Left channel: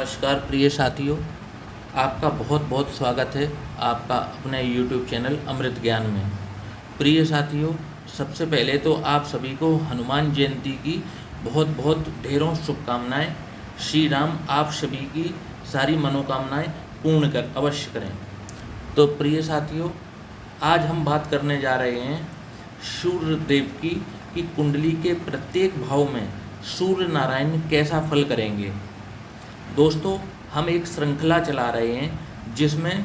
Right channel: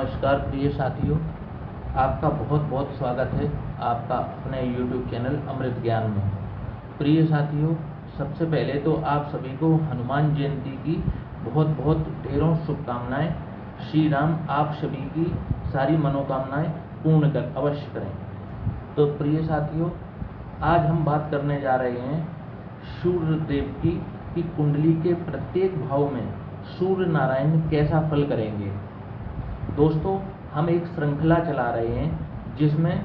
नमस्कार प्रिय साथियों, आपका बहुत बहुत स्वागत है आपका अपने YouTube चैनल अमृत ज्ञान में। प्रिय साथियों, सबसे पहले तो आप सभी को हनुमान जयंती की बहुत बहुत ढेरों शुभकामनाएं। श्री राम आप सभी की सारी मनोकामनाएं पूर्ण कर अवश्य करें। तो प्रिय साथियों, आज हम बात करने जा रहे हैं सूर्य देव की कुंडली के प्रत्येक भाव में सूर्य नारायण कैसा फल करेंगे। दोस्तों, हम एक श्रृंखला चला रहे हैं जिसमें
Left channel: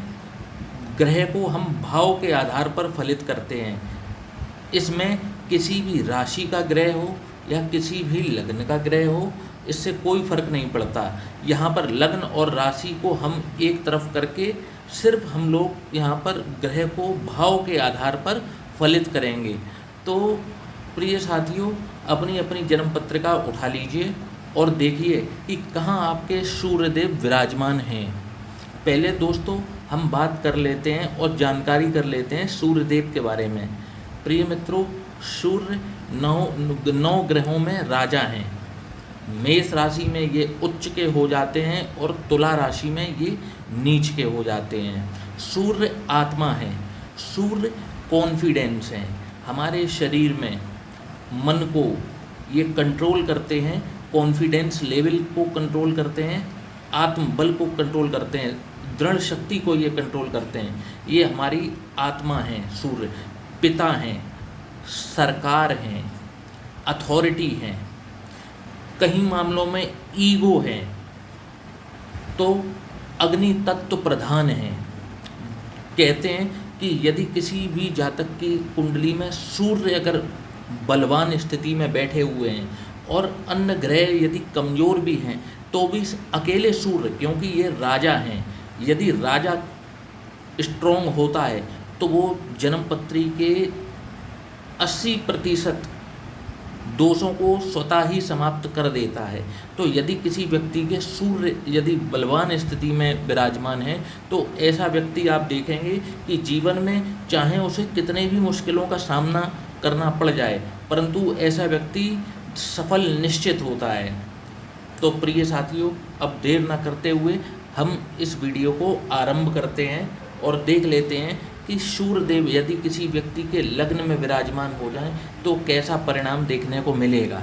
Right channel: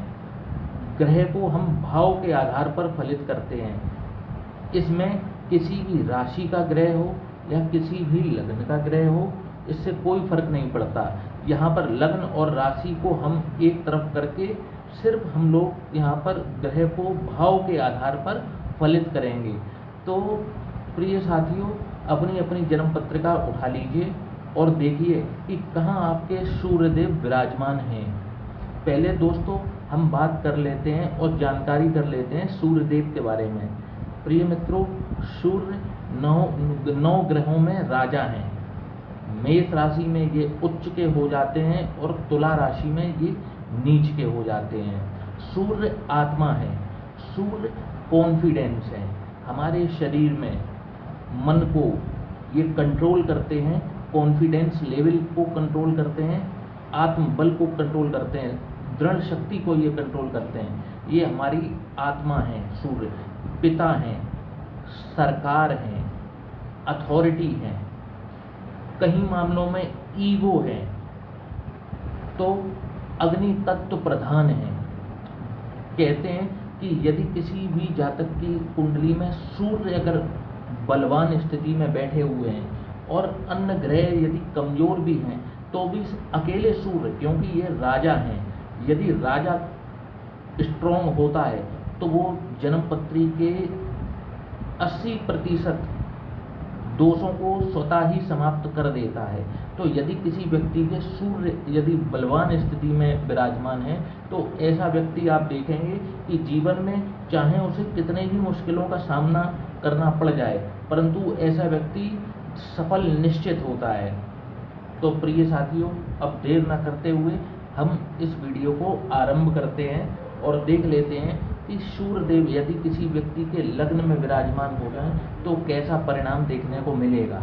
ग्रह को हम भाव के आधार पर फलित करते हैं। इसमें किसी भी राशि का ग्रह हो या किसी भी लग्न का ग्रह हो, इससे कोई फर्क नहीं पड़ता। यहाँ पर लग्न और राशि को हम एक तरफ करके सिर्फ हम लोग यहाँ पर ग्रह को भाव के आधार पर फलित करेंगे। तो प्रिय साथियों, अपनी अपनी जन्म पत्रिका उठा लीजिए और देखिए कि कहाँ आपके सूर्यदेव विराजमान हैं। पहले दोस्तों हम बात कर लेते हैं और जानकारी कर लेते हैं सूर्यदेव के बारे में। प्रिय मित्रों, सूर्य नौ ग्रहों में राजा हैं। मेष राशि में ये उच्च के हो जाते हैं और तुला राशि में ये नीच के हो जाते हैं। सूर्य आत्मा है, सूर्य कॉन्फिडेंस है। हमारे शरीर में मन को ये कंट्रोल करते हैं, कॉन्फिडेंस लेवल को कंट्रोल करते हैं, आत्मबल को कंट्रोल करते हैं, दृढ़ शक्ति को ये कंट्रोल करते हैं। ये हमारी आत्मा है। सूर्य पिता हैं, सरकार हैं, अथॉरिटी हैं, कहीं मामलों में ईगो है, तो अग्नि तत्व प्रधान है। कहते हैं कि यदि किसी भी जातक की कुंडली में सूर्य अगर बलवान स्थिति में बैठे हुए हैं और अन्य ग्रह यदि कमज़ोर भी हैं तो भी अकेले सूर्य, क्योंकि ये राजा हैं, यदि राजा स्ट्रॉन्ग होता है तो वो जन्मपत्री के 80% दोषों को स्वतः ही समाप्त कर देता है। तो यदि किसी व्यक्ति के सूर्य यदि बलवान स्थिति में विराजमान है तो ऐसा व्यक्ति आप देखेंगे कि जीवन में चाहे उसे कितने भी मुश्किलों का सामना करना पड़ जाए, परंतु ऐसा व्यक्ति सफल निश्चित होता है। तो प्रिय साथियों, अब देर न करते हुए हम इस वीडियो को आरंभ करते हैं और देख लेते हैं कि सूर्यदेव यदि किसी व्यक्ति के लग्न में विराजमान हो जाए तो कैसा परिणाम देखने को मिलेगा।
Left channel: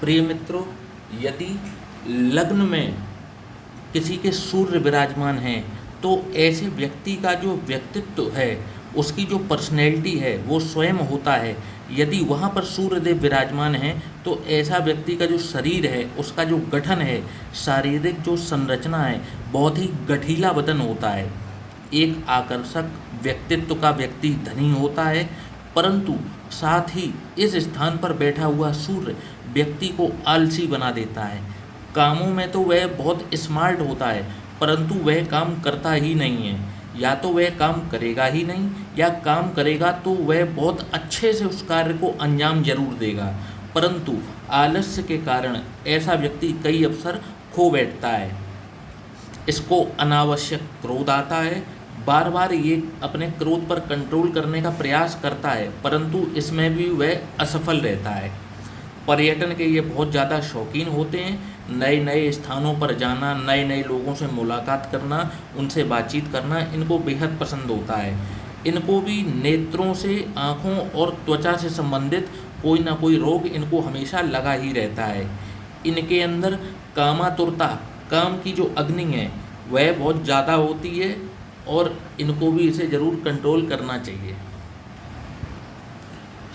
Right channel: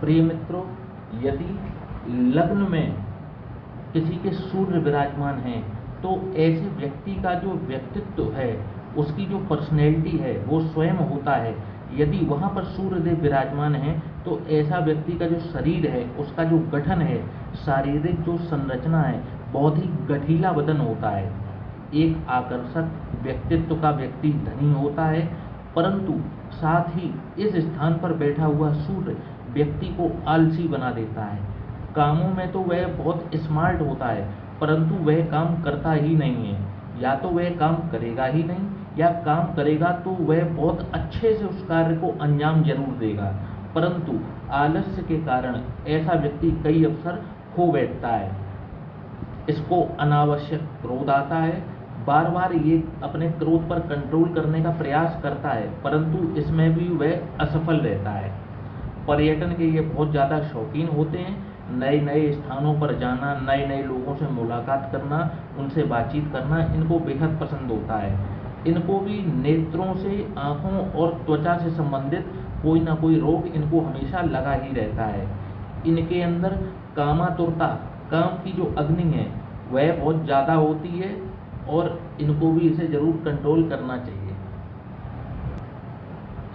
प्रिय मित्रों, यदि लग्न में किसी के सूर्य विराजमान हैं तो ऐसे व्यक्ति का जो व्यक्तित्व है, उसकी जो पर्सनैलिटी है वो स्वयं होता है। यदि वहाँ पर सूर्यदेव विराजमान हैं तो ऐसा व्यक्ति का जो शरीर है, उसका जो गठन है, शारीरिक जो संरचना है, बहुत ही गठीला बदन होता है। एक आकर्षक व्यक्तित्व का व्यक्ति धनी होता है, परंतु साथ ही इस स्थान पर बैठा हुआ सूर्य व्यक्ति को आलसी बना देता है। कामों में तो वह बहुत स्मार्ट होता है, परंतु वह काम करता ही नहीं है। या तो वह काम करेगा ही नहीं, या काम करेगा तो वह बहुत अच्छे से उस कार्य को अंजाम जरूर देगा, परंतु आलस्य के कारण ऐसा व्यक्ति कई अवसर खो बैठता है। इसको अनावश्यक क्रोध आता है, बार बार ये अपने क्रोध पर कंट्रोल करने का प्रयास करता है, परंतु इसमें भी वह असफल रहता है। पर्यटन के ये बहुत ज़्यादा शौकीन होते हैं। नए नए स्थानों पर जाना, नए नए लोगों से मुलाकात करना, उनसे बातचीत करना इनको बेहद पसंद होता है। इनको भी नेत्रों से, आँखों और त्वचा से संबंधित कोई ना कोई रोग इनको हमेशा लगा ही रहता है। इनके अंदर कामातुरता, काम की जो अग्नि है वह बहुत ज़्यादा होती है और इनको भी इसे ज़रूर कंट्रोल करना चाहिए।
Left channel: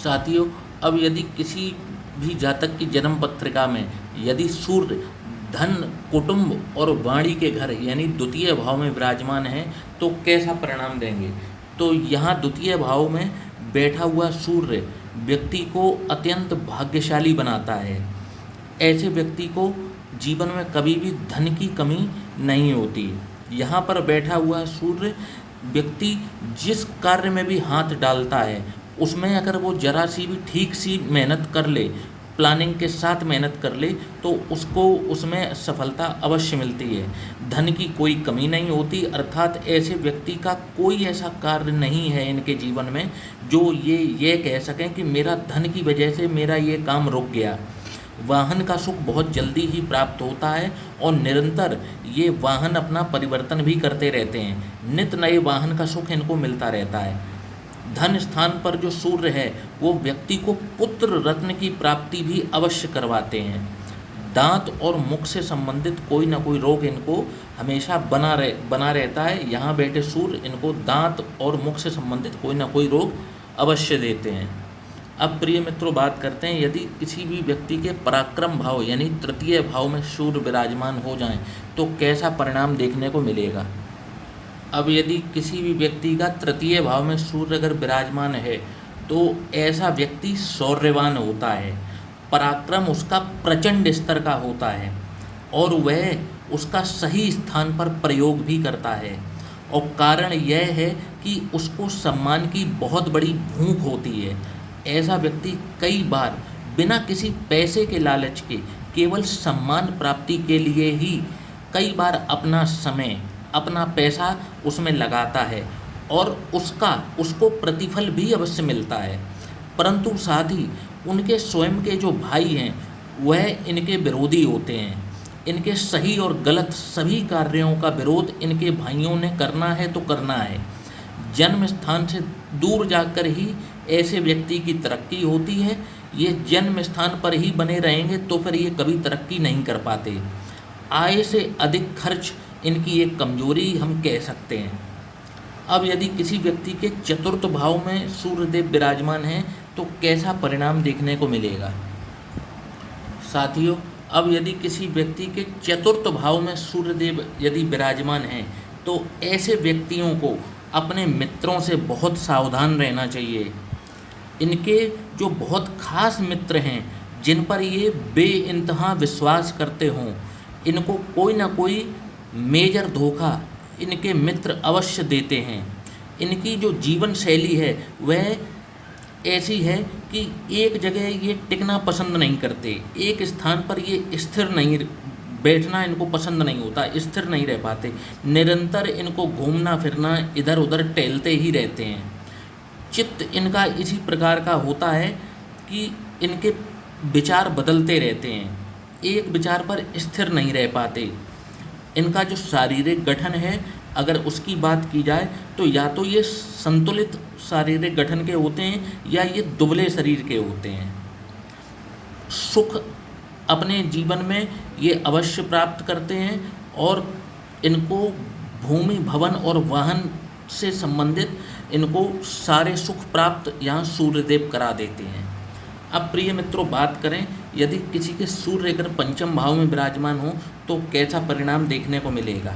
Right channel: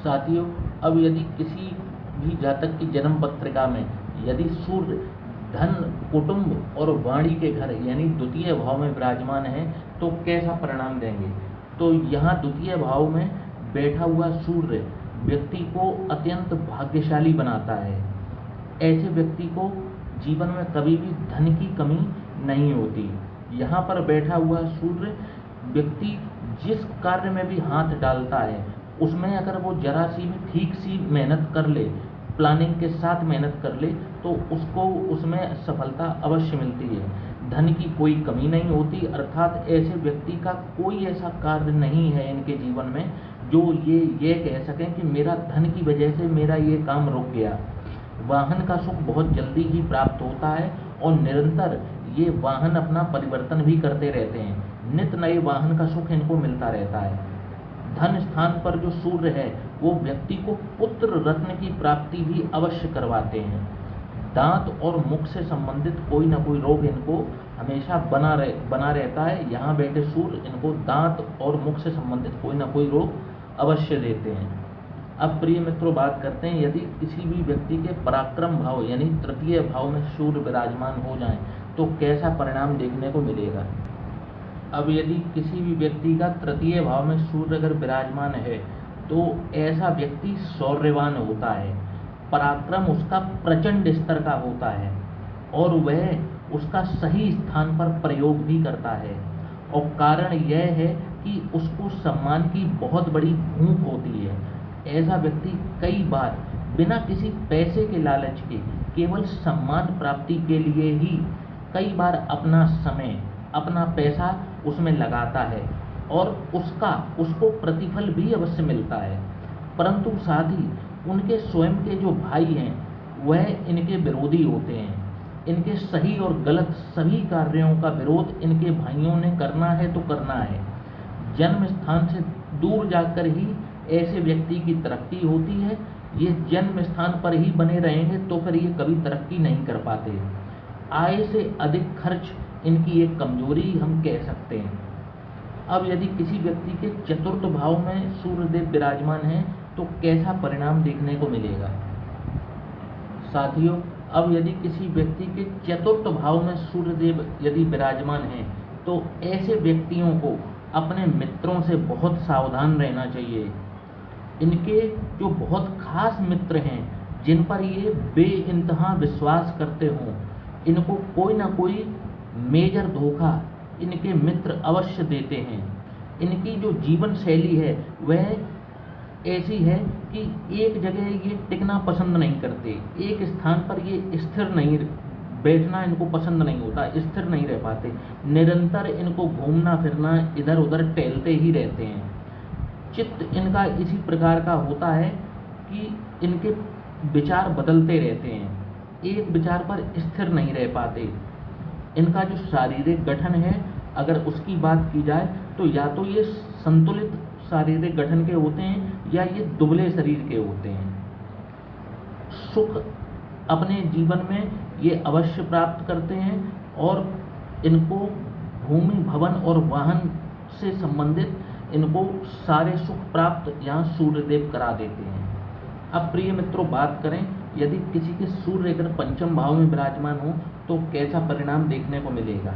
साथियों, अब यदि किसी भी जातक की जन्म पत्रिका में यदि सूर्य धन, कुटुंब और वाणी के घर यानी द्वितीय भाव में विराजमान है तो कैसा परिणाम देंगे। तो यहाँ द्वितीय भाव में बैठा हुआ सूर्य व्यक्ति को अत्यंत भाग्यशाली बनाता है। ऐसे व्यक्ति को जीवन में कभी भी धन की कमी नहीं होती। यहाँ पर बैठा हुआ सूर्य व्यक्ति जिस कार्य में भी हाथ डालता है उसमें अगर वो जरा सी भी ठीक सी मेहनत कर ले, प्लानिंग के साथ मेहनत कर ले, तो उसको उसमें सफलता अवश्य मिलती है। धन की कोई कमी नहीं होती, अर्थात ऐसे व्यक्ति का कोई ऐसा कार्य नहीं है इनके जीवन में जो ये कह सकें कि मेरा धन की वजह से मेरा ये काम रुक गया। वाहन का सुख बहुत जल्दी ही प्राप्त होता है और निरंतर ये वाहन अपना परिवर्तन भी करते रहते हैं। नित नए वाहन का सुख इनको मिलता रहता है। धन स्थान पर जो सूर्य है वो व्यक्ति को पुत्र रत्न की प्राप्ति भी अवश्य करवाते हैं। दांत और मुख से संबंधित कोई ना कोई रोग इनको हमेशा बना रहता है। यहाँ बैठे सूर्य इनको दांत और मुख से संबंधित कोई ना कोई रोग अवश्य देते हैं। अब प्रिय मित्रों, बात करते हैं यदि किसी भी व्यक्ति के पराक्रम भाव यानी तृतीय भाव में सूर्य विराजमान हो जाएं तो कैसा परिणाम देखने को मिलेगा। अब यदि किसी भी व्यक्ति का तृतीय भाव में सूर्य अगर विराजमान है तो ऐसा व्यक्ति शौर्यवान होता है, पराक्रम उसका प्रचंड स्तर का होता है और वह उसका सही स्थान पर प्रयोग भी करता है। और कारण यह है कि उसको सम्मान की बहुत बड़ी भूख होती है। ऐसा व्यक्ति कई बार बिना किसी पैसे के लालच के केवल सम्मान प्राप्ति के लिए ही कई बार अपना समय, अपना पैसा उसमें लगाता है और उसको प्रतिफल भी अवश्य मिलता है। परंतु साथ ही उनके स्वयं के जो भाई हैं वह इनके विरोधी होते हैं। इनके सही और गलत सभी कार्यों का विरोध इनके भाइयों ने करना है तो करना है। जन्म स्थान से दूर जाकर ही ऐसे व्यक्ति की तरक्की होती है। ये जन्म स्थान पर ही बने रहेंगे तो फिर ये कभी तरक्की नहीं कर पाते। आय से अधिक खर्च इनकी एक कमजोरी हम कह सकते हैं। अब यदि किसी व्यक्ति के चतुर्थ भाव में सूर्यदेव विराजमान हैं तो कैसा परिणाम देखने को मिलेगा। साथियों, अब यदि किसी व्यक्ति के चतुर्थ भाव में सूर्यदेव यदि विराजमान हैं तो ऐसे व्यक्तियों को अपने मित्रों से बहुत सावधान रहना चाहिए। इनके जो बहुत खास मित्र हैं जिन पर ये बेइंतहा विश्वास करते हों, इनको कोई ना कोई मेजर धोखा इनके मित्र अवश्य देते हैं। इनकी जो जीवन शैली है वह ऐसी है कि एक जगह ये टिकना पसंद नहीं करते, एक स्थान पर ये स्थिर नहीं बैठना इनको पसंद नहीं होता, स्थिर नहीं रह पाते। निरंतर इनको घूमना फिरना, इधर उधर टहलते ही रहते हैं। चित्त इनका इसी प्रकार का होता है कि इनके विचार बदलते रहते हैं, एक विचार पर स्थिर नहीं रह पाते। इनका जो शारीरिक गठन है अगर उसकी बात की जाए तो या तो ये संतुलित शारीरिक गठन के होते हैं या ये दुबले शरीर के होते हैं। सुख अपने जीवन में ये अवश्य प्राप्त करते हैं और इनको भूमि, भवन और वाहन से संबंधित इनको सारे सुख प्राप्त यहाँ सूर्यदेव करा देते हैं। अब प्रिय मित्रों, बात करें यदि किसी के सूर्य अगर पंचम भाव में विराजमान हो तो कैसा परिणाम देखने को मिलेगा।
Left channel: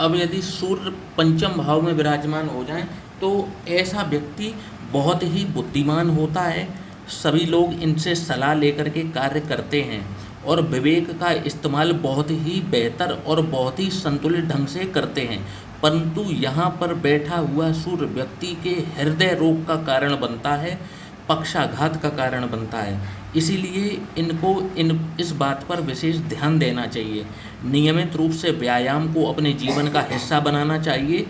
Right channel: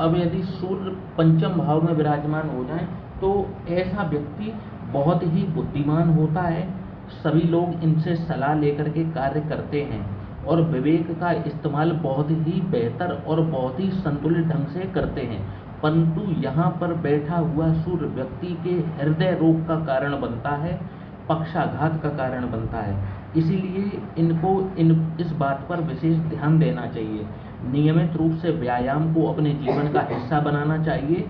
अब यदि सूर्य पंचम भाव में विराजमान हो जाए तो ऐसा व्यक्ति बहुत ही बुद्धिमान होता है। सभी लोग इनसे सलाह लेकर के कार्य करते हैं और विवेक का इस्तेमाल बहुत ही बेहतर और बहुत ही संतुलित ढंग से करते हैं। परंतु यहाँ पर बैठा हुआ सूर्य व्यक्ति के हृदय रोग का कारण बनता है, पक्षाघात का कारण बनता है। इसीलिए इनको इस बात पर विशेष ध्यान देना चाहिए। नियमित रूप से व्यायाम को अपने जीवन का हिस्सा बनाना चाहिए।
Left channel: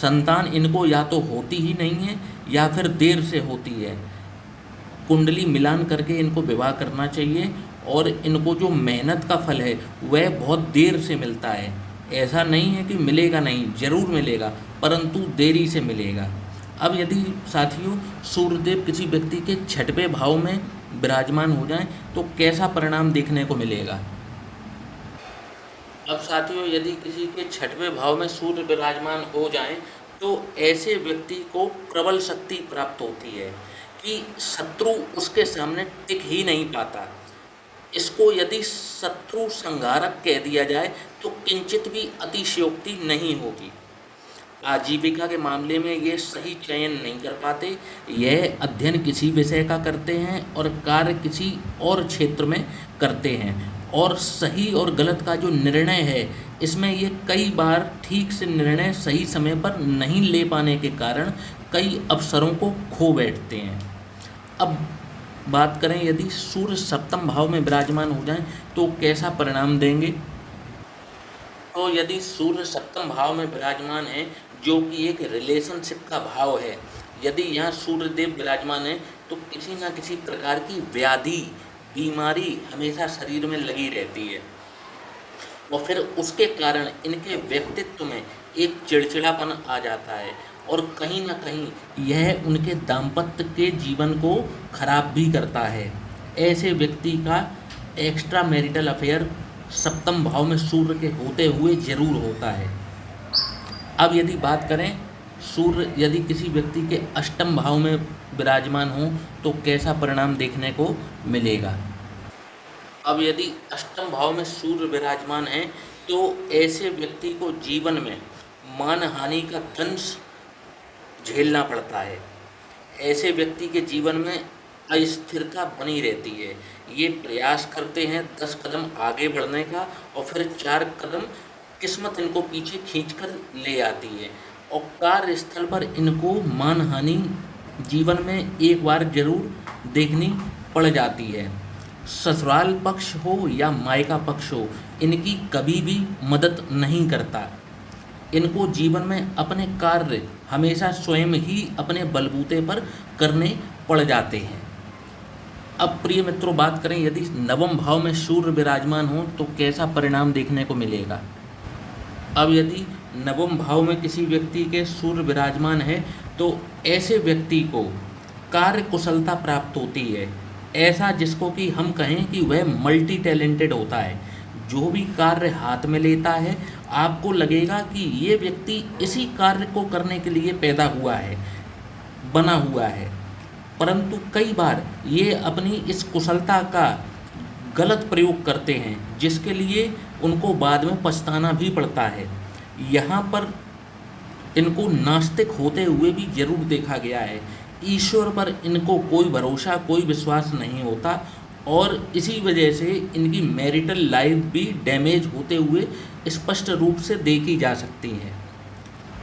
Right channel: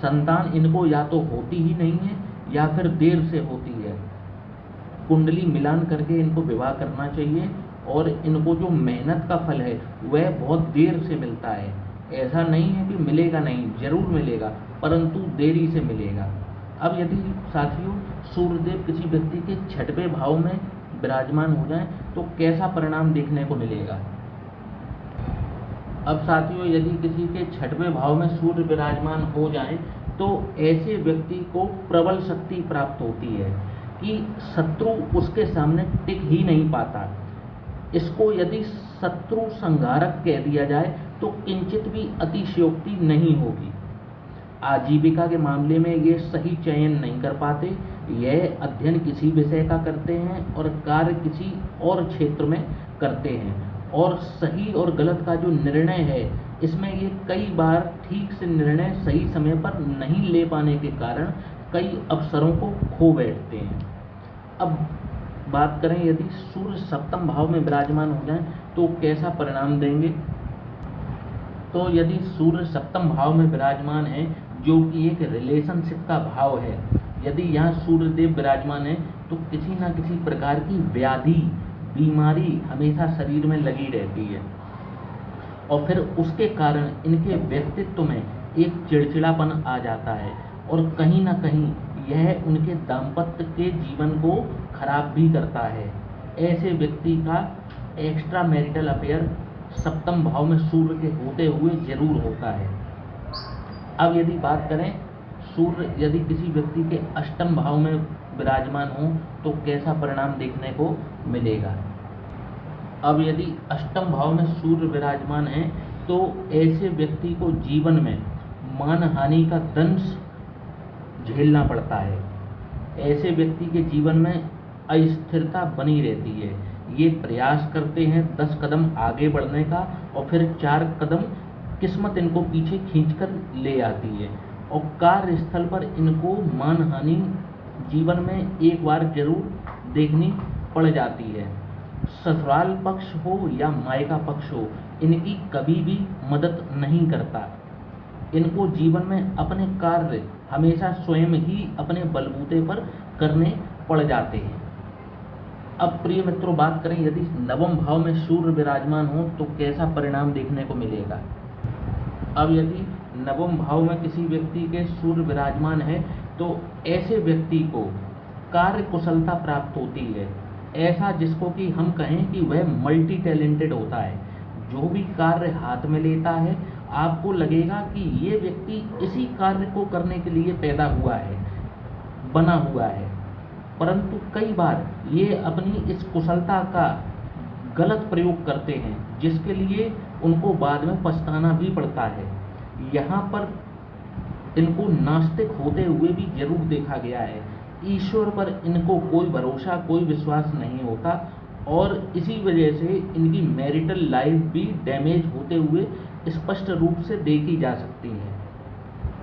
संतान इनको या तो होती ही नहीं है या फिर देर से होती है। कुंडली मिलान करके इनको विवाह करना चाहिए और इनको जो मेहनत का फल है वह बहुत देर से मिलता है। ऐसा नहीं है कि मिलेगा नहीं, जरूर मिलेगा, परंतु देरी से मिलेगा। अब यदि साथियों सूर्यदेव किसी व्यक्ति के छठवें भाव में विराजमान हो जाएं तो कैसा परिणाम देखने को मिलेगा। अब साथियों यदि किसी के छठवें भाव में सूर्य विराजमान हो जाएं तो ऐसे व्यक्ति को प्रबल शक्ति प्राप्त होती है कि शत्रु उसके सामने टिक ही नहीं पाता। इसको यदि शत्रु संहारक कह दिया जाए तो किंचित भी अतिशयोक्ति नहीं होगी। आजीविका के मामले में ये सही चयन नहीं कर पाते। यह अध्ययन किसी विषय का करते हैं और कार्य किसी और क्षेत्र में करते हैं और सही और गलत का जो निर्णय है इसमें ये कई बार ठीक से निर्णय सही समय पर नहीं ले पाने के कारण कई अवसरों को खो बैठते हैं। अब बात करें यदि सूर्य सप्तम भाव में विराजमान हो जाए तो कैसा परिणाम देंगे। तो यदि सूर्य सप्तम भाव में विराजमान है जो कि एक रिलेशनशिप का भाव है, यदि यहाँ सूर्यदेव विराजमान है तो किसी न किसी प्रकार की व्याधि, बीमारी हमेशा शरीर में लगी रहती है और फिर उसके कारण इनके व्यक्तित्व में एक चिड़चिड़ापन आ जाता है और कहीं ना कहीं यह उनके दाम्पत्य के जीवन को खराब भी करता है। ऐसे व्यक्ति का एक्स्ट्रा मैरिटल अफेयर सप्तम भाव में सूर्य के होते हुए जरूर होता है। अब यदि बात करें सूर्य यदि किसी व्यक्ति के अष्टम भाव में विराजमान हो तो कैसा परिणाम देखने को मिलेगा। अब यदि अष्टम भाव में सूर्य विराजमान है तो ऐसे व्यक्ति को जीवन में मानहानि का दंश झेलना पड़ता है। ऐसे व्यक्ति के जीवन में अस्थिरता बनी रहती है। ये प्रयास करते हैं 10 कदम आगे बढ़ने का और फिर 4 कदम किस्मत इनको पीछे खींचकर ले आती है और कार्यस्थल पर इनको मानहानि जीवन में एक बार जरूर देखनी पड़ जाती है। ससुराल पक्ष हो या मायका पक्ष हो, इनकी कभी भी मदद नहीं करता। इनको जीवन में अपने कार्य हमेशा स्वयं ही अपने बलबूते पर करने पड़ जाते हैं। अब प्रिय मित्रों बात करें यदि नवम भाव में सूर्य विराजमान हो तो कैसा परिणाम देखने को मिलेगा। अब यदि नवम भाव में किसी व्यक्ति के सूर्य विराजमान है तो ऐसे व्यक्ति को कार्य कुशलता प्राप्त होती है। ऐसा जिसको कि हम कहें कि वह मल्टी टैलेंटेड होता है। जो भी कार्य हाथ में लेता है आपको लगेगा कि ये व्यक्ति इसी कार्य को करने के लिए पैदा हुआ है, बना हुआ है, परंतु कई बार ये अपनी इस कुशलता का गलत प्रयोग करते हैं जिसके लिए उनको बाद में पछताना भी पड़ता है। यहाँ पर इनको नास्तिक होते हुए भी जरूर देखा गया है। ईश्वर पर इनको कोई भरोसा, कोई विश्वास नहीं होता और इसी वजह से इनकी मैरिटल लाइफ भी डैमेज होते हुए स्पष्ट रूप से देखी जा सकती है।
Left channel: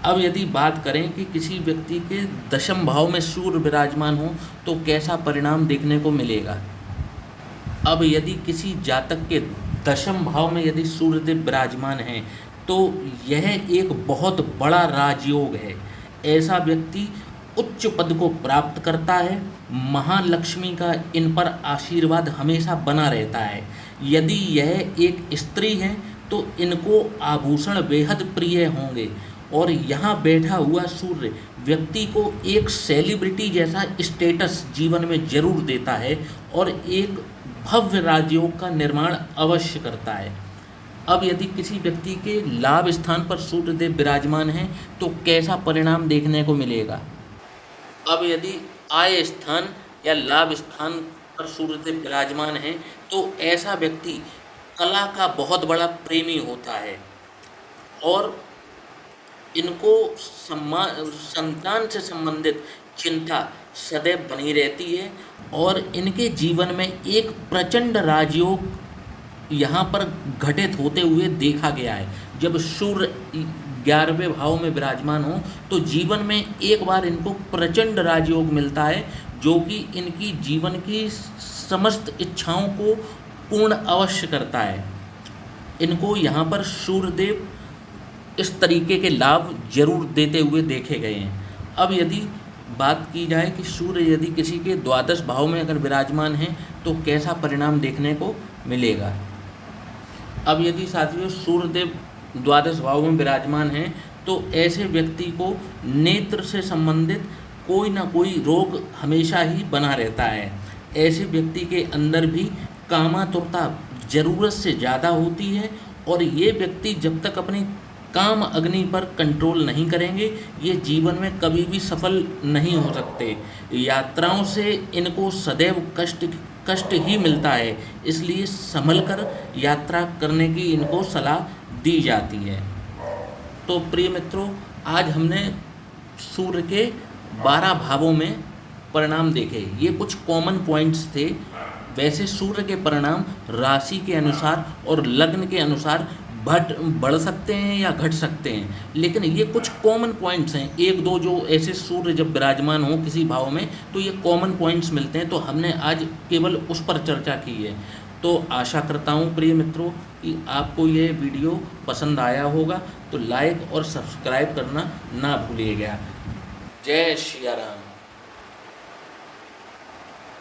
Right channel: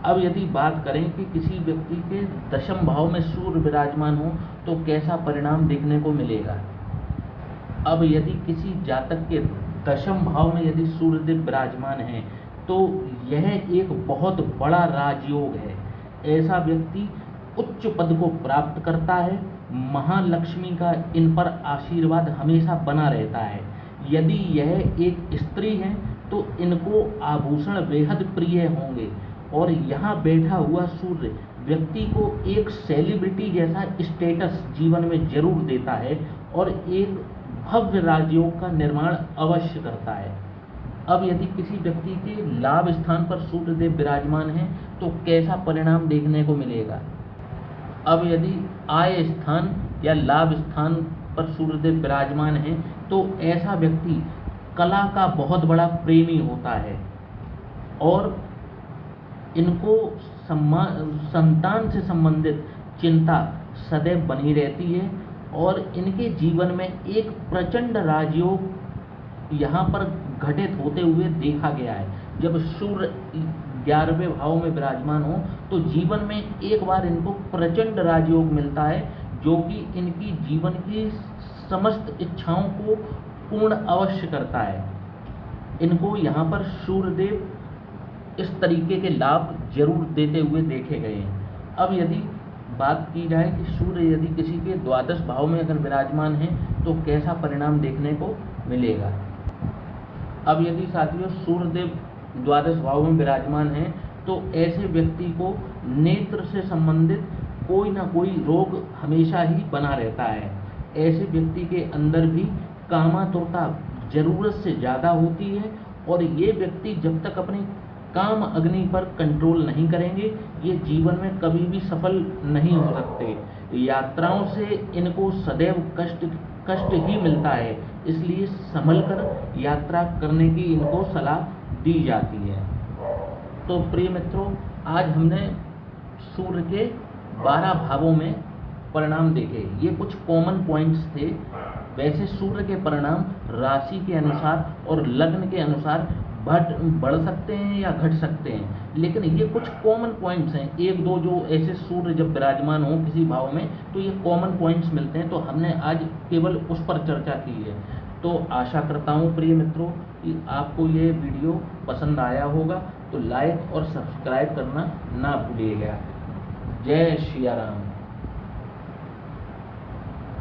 अब यदि बात करें कि किसी व्यक्ति के दशम भाव में सूर्य विराजमान हो तो कैसा परिणाम देखने को मिलेगा। अब यदि किसी जातक के दशम भाव में यदि सूर्यदेव विराजमान है तो यह एक बहुत बड़ा राजयोग है। ऐसा व्यक्ति उच्च पद को प्राप्त करता है। महालक्ष्मी का इन पर आशीर्वाद हमेशा बना रहता है। यदि यह एक स्त्री है तो इनको आभूषण बेहद प्रिय होंगे और यहाँ बैठा हुआ सूर्य व्यक्ति को एक सेलिब्रिटी जैसा स्टेटस जीवन में जरूर देता है और एक भव्य राजयोग का निर्माण अवश्य करता है। अब यदि किसी व्यक्ति के लाभ स्थान पर सूर्यदेव विराजमान है तो कैसा परिणाम देखने को मिलेगा। अब यदि आय स्थान या लाभ स्थान पर सूर्यदेव विराजमान है तो ऐसा व्यक्ति कला का बहुत बड़ा प्रेमी होता है और इनको संतान से संबंधित चिंता सदैव बनी रहती है और इनके जीवन में एक प्रचंड राजयोग यहाँ पर घटित होते हुए देखा गया है। जब सूर्य 11वें भाव में विराजमान हो तो जीवन में एक बार इनको प्रचंड राजयोग मिलता है जो कि इनकी जीवन की समस्त इच्छाओं को पूर्ण अवश्य करता है। इनको यहाँ पर सूर्यदेव इस तरीके के लाभ जरूर देते हुए देखे गए हैं। अब यदि बात की जाए कि सूर्य यदि किसी के द्वादश भाव में अगर विराजमान है तो कैसा परिणाम देखने को मिलेगा। अब यदि साथियों सूर्यदेव द्वादश भाव में विराजमान है तो ऐसे व्यक्ति को नेत्र से संबंधित कोई ना कोई रोग हमेशा ही बना रहता है। ऐसे व्यक्ति के अंदर भी कामातुरता ज़रूरत से ज़्यादा होती है और ये व्यक्ति जब तक अपनी काम अग्नि पर कंट्रोल नहीं करेंगे ये जीवन में कभी भी सफल नहीं हो सकते। यात्राओं से इनको सदैव कष्ट ही मिलता है, इसलिए संभल कर यात्रा करने की इनको सलाह दी जाती है। तो प्रिय मित्रों, आज हमने सूर्य के 12 भावों में परिणाम देखे। ये कुछ कॉमन पॉइंट्स थे। वैसे सूर्य के परिणाम राशि के अनुसार और लग्न के अनुसार बढ़ सकते हैं या घट सकते हैं, लेकिन ये कुछ कॉमन पॉइंट्स हैं। एक दो जो ऐसे सूर्य जब विराजमान हो किसी भाव में तो ये कॉमन पॉइंट्स मिलते हैं, तो हमने आज केवल उस पर चर्चा की है। तो आशा करता हूँ प्रिय मित्रों कि आपको ये वीडियो पसंद आया होगा, तो लाइक और सब्सक्राइब करना ना भूलिएगा। जय श्री राम।